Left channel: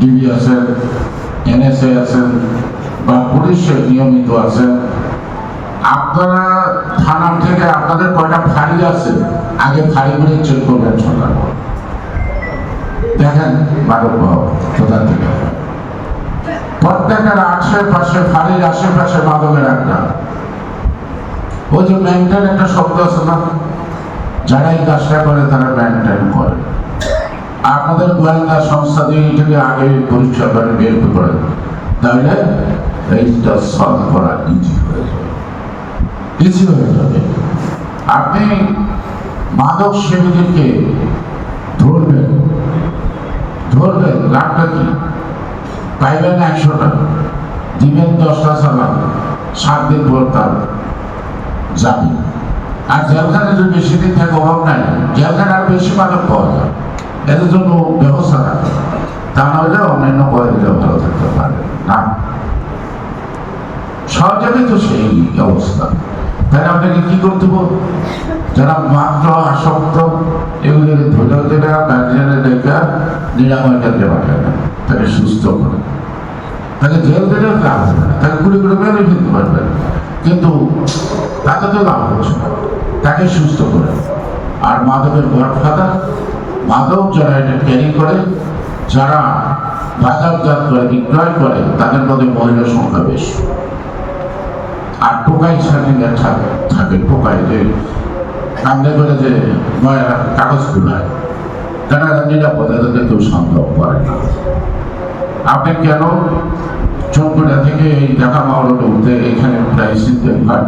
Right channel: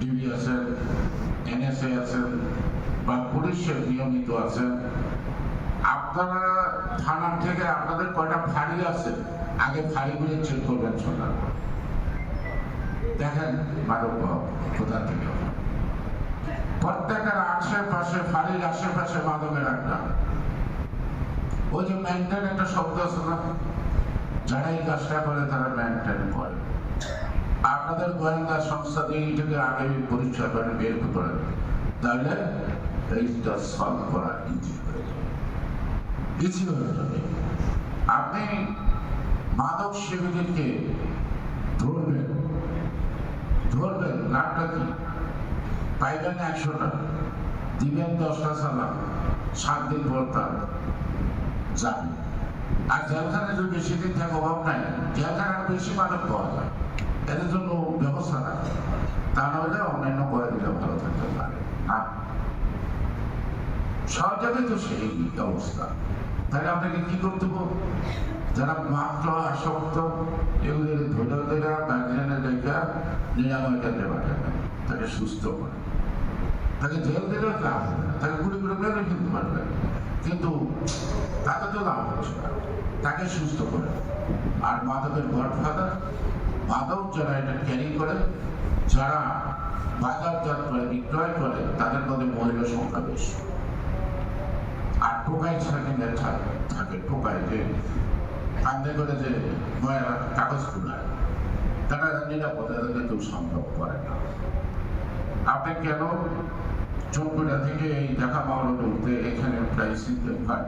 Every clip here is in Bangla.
ডিবি আছেন, এনএসএ আছেন বা পুলিশের নিয়মিত আছেন, আপনারা থানা থেকে আপনাদের কয়টা ফাঁড়ি আছে আগে ফাঁড়িগুলি চেক করবেন সরকার দেখেন মাদক কোথা থেকে প্রত্যেকের আশেপাশে ফাঁড়ির আশেপাশে মাদকের একটা ওই যে মেনটেন একটা শব্দ আছে না, যারা এই কাজটা করে তারা মেনটেন করে। আপনাদের গোয়েন্দা সংস্থা দিয়ে এটাকে আগে পরীক্ষা করে বের করে তাহলে এইটা সলভ করা ইজি হয়ে যাবে। আপনি মাদক সেবীদেরকে ধরবেন লাভটা কি? পাইবেন 100 টাকা, দিবেন 10টা চালান, 7 দিন পর তার যাবে। আর জেলখানে যদি বেশি দিন থাকে অভাব নাই, জেলখানে আর বেশি মাদক পাওয়া যায়, এদের জন্য ব্যবস্থা রাখে। তা না হলে অন্যান্য করে দিলে ভালো থাকতে পারে না। সব জায়গায় তো সেই অবস্থা। তাহলে আপনাকে কি করতে বল? যারা মাত্র আসক্ত এগুলি ধরে ধরে গার্জিয়ানের দেখা নিরাময় কেন্দ্রে পাঠায় না, তাকে সুস্থ করে, তাকে জেল দিলেও লাভ হবে না, তাকে ঘুরে ঘুরে বেরোয় ফেলতে পারবেন, কিন্তু তাতে তো লাভ হচ্ছে না, তাকে সুস্থ করে। আর মাদকের গডফাদার, মাদক যারা এটা ক্যারি করে, যারা বাজারজাত করে বিক্রয় করে, তাদের মধ্যে মহিলার সংখ্যা বেশি। আর টোকাই সার্টিফিকেট থাকে, টোকাই যে কান্দে করে যে কাগজ খুলায়, তারা নিরাপদে তাদের কেউ সন্দেহ করে না। আপনি কেন চৌকুড়া থেকে এই ঢাকা মাওলাটা উঠতে এখানে প্রায় সিদ্ধেন হয়,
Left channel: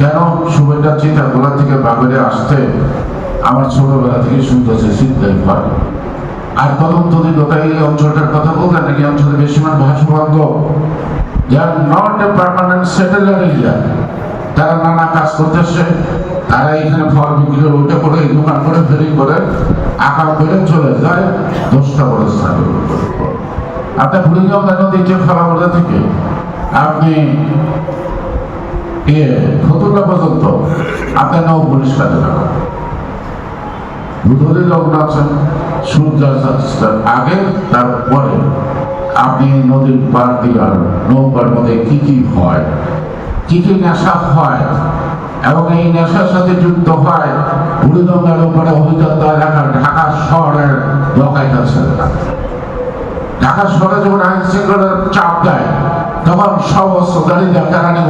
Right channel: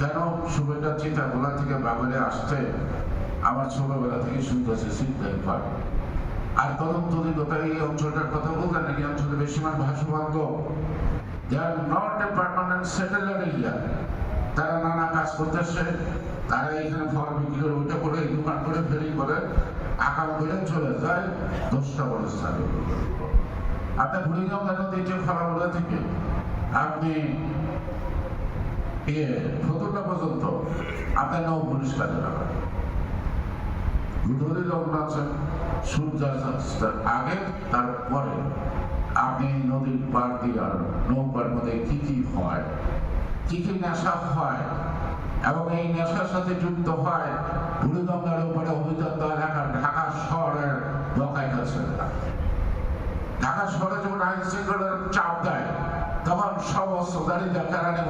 কেন সুবেদার চিতাগোলা থেকে বাগড়ে আসতে আমার ছোটবেলা থেকে শুনতেছে সিদ্ধেন হয়। আর তদন্তদের কথা এই অঞ্চলটার কথা বলতেন নাকি অঞ্চলে বেশি মান ভাষাবন্ধ, তারা নানা কাজ করতেছে, তারা এখানে ফল বিক্রি করে ওইটা করে এই দোকান করে ফেরি করে আকার করে চলে যায় 10টা বড় স্থানে। আপনার বুড়িগঙ্গা নদীতে ফলাবলা থেকে আপনি ফতুল্লা পর্যন্ত আপনার নৌ পরিষ্কার দুধলি লগ্ন আছেন, সূর্যাস্তের আগে তারপরে আপনি নদীর পার দিলার নৌকার মধ্যে কি কি হয়, কি কি নেশা হয়, এবং এই নেশার সাথে যুক্ত হয় বুড়িগঙ্গার উপরে অভিজাত এলাকার ঢাকা শহরের ডকাইত আছে। ঢাকা শহরে যখন আইন শৃঙ্খলার চাপ দেয় তখন সমস্ত গাড়িদের কারণে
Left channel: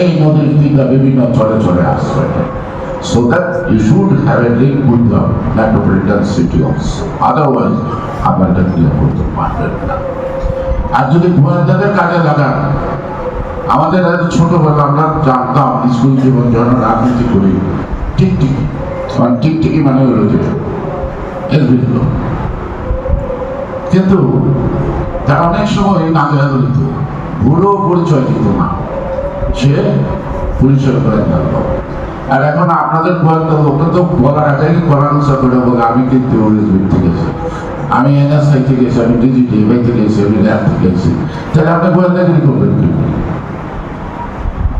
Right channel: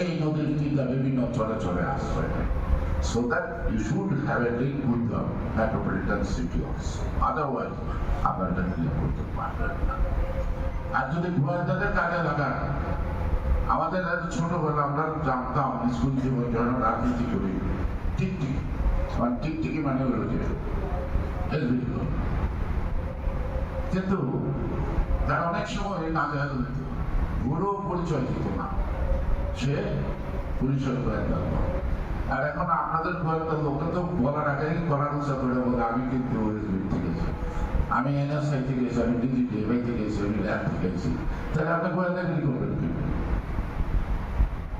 এই নদীর দিকে বিভিন্ন চলে আসবে। So that you should have a link with the metropolitan city also. Otherwise, আপনারা ক্লিয়ার করতে পারবেন না। আর যদি গোয়েন্দাদের কাজে লাগান, আমাদের ছোটবেলা আমরা জানতাম স্কুল জীবন যখন রাজনীতি করি টিকটিকি মানে হলো যে এলবিগুলো, কিন্তু তার অনেক সময় নাজেহাল দিত, ভুলও পরিচয় দিত না, সে পরিচয় করে গেল। আর এখন আপনাদের গোয়েন্দা লোকটা তো বলার আগেই পরামর্শ করে বলে আমি কিন্তু ওএসবি থেকে গেছি, আমি এনএসআই থেকে গেছি, আমি ডিজিটিএফআই থেকে গেছি, আমি ল্যাব থেকে গেছি। তাহলে আপনি গোয়েন্দাগিরি করবেন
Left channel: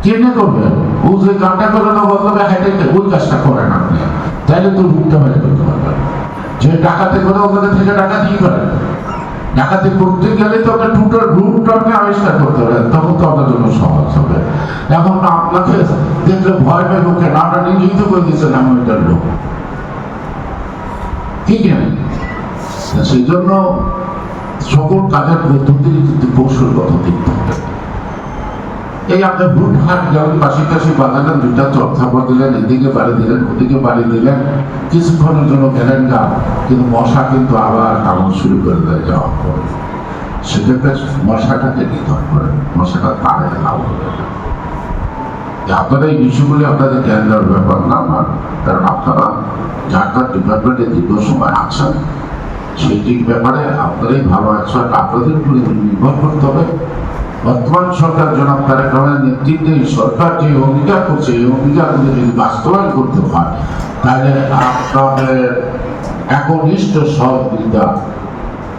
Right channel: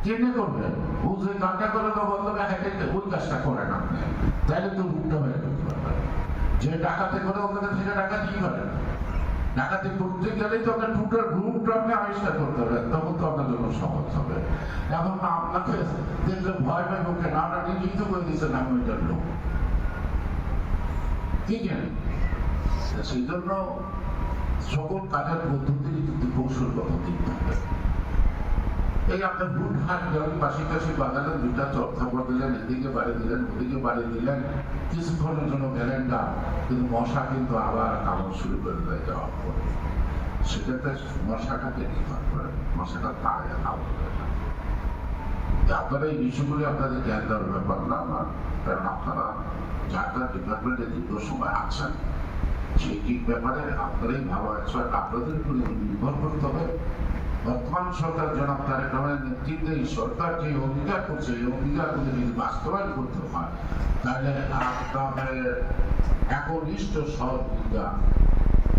কেমনে করবেন? ও যে কাজটা করে না বদলাবে হাইটে ওই কাজটা করেন আপনি, তাইলে তো রূপটা বাইরে করতে পারবেন। যে ডাকাতি করে ওদের থেকে ডাকাতি করেন, ডাকাতি করতে গেলে তো আপনার টুটার রূপটা আপনি আবিষ্কার করতে পারেন, তখন তো আপনার জন্য সহজ হবে। এখন আপনাকে দেখলে ভয় পাই লোকে না, আপনার নিজেই তো করে দিচ্ছেন আমি ওইটার লোক, ঠিক আছে? সেই জন্য সকল কাজের পদ্ধতির কিন্তু কৌশলগত দিক থাকবে। এই আপনার বুট হাট যেমন পাশাপাশি বাঁধালেন, দুইটা চর্চাপর দিলেন, এদিকে বাড়ি দিলেন, ওদিকে বাড়ি দিলেন, কিছুক্ষণের জন্য গেলেন গা, কিন্তু মশা কিন্তু আবার কামড় শুরু করে দেয় যাওয়ার পরে। সেক্ষেত্রে মশাটাকে নিধন করেন, মশাটা তাড়ে লাভ হবে। আপনারা এই বিষয়গুলি আপনাদের জ্ঞান দেওয়ার ব্যাপার না আমার, কারণ আপনারা যার যার ডিপার্টমেন্টে দীর্ঘ সময় আছেন সেইটির ব্যাপারে আপনারাই ভালো আছেন, আপনাদের উপরে নির্ভর করতে হবে। বর্তমান সরকার জনাব তারেক রহমানের নেতৃত্বে সরকার যে অঙ্গীকার করছে, এই অঙ্গীকারগুলো যদি বাস্তবায়ন করতে হয় তাহলে আপনাদের একনিষ্ঠ সহযোগিতা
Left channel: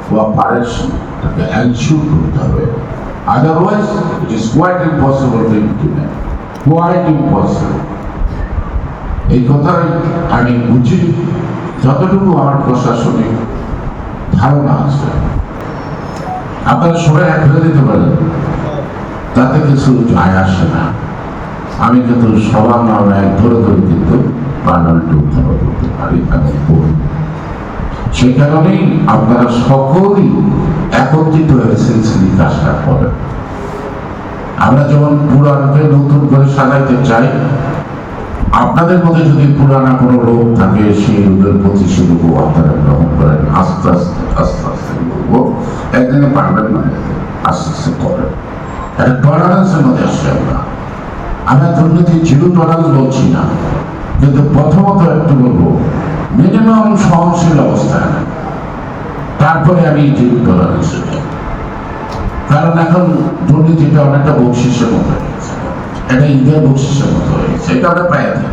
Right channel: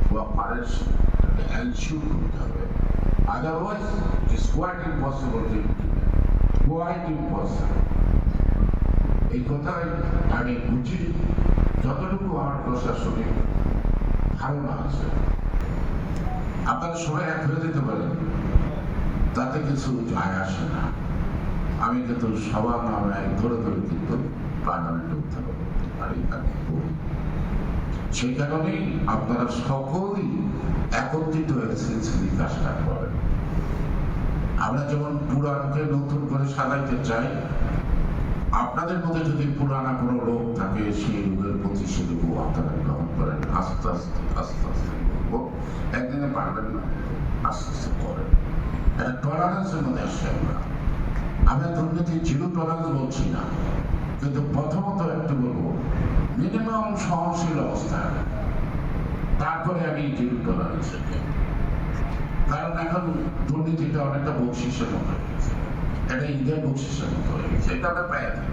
কোঅপারেশনটাকে এনশিওর করতে হবে। Otherwise it is quite impossible to implement, quite impossible. এই কথাই আমি বুঝি, যতটুকু আমার প্রশাসনিক ধারণা আছে। আপনারা সবাই এক হয়ে দিতে পারেন, তাতে কিছু যায় আসে না। আমি কিন্তু সবার নামে এক ধরে ধরে কিন্তু পার্লামেন্টে উত্থাপন করতে পারি এবং করি। সেই কারণেই আপনারা সকলেই একত্রিত হয়ে সিলসিলি কাজটা করেন। আমরা যেমন পুরাণকে নতুন করে সাজাইতে চাই, আপনাদের মধ্যে যদি পুরানা কোনো রোগ থাকে সেই রোগের প্রতি সে রোগ আপনারা গ্রহণ করেন। আস্তে আস্তে আস্তে আস্তে বলবো, একদিনে পারবেন না, আস্তে আস্তে করেন। একটা টলারেন্সের মধ্যে আসছে আমরা দুর্নীতি জিরো টলারেন্স বলছি না, কিন্তু প্রথমত একটু বলবো মিনিমাম সহনশীল অবস্থায়, তারপরে আমি জিরো টলারেন্সে যাই। কারণ এখন দুর্নীতিটা অনেকটা বকশিসের মতো হয়ে গেছে, এটা ঈদের বকশিসের মতো হয়ে গেছে, এটা আমরা পাই থাকি।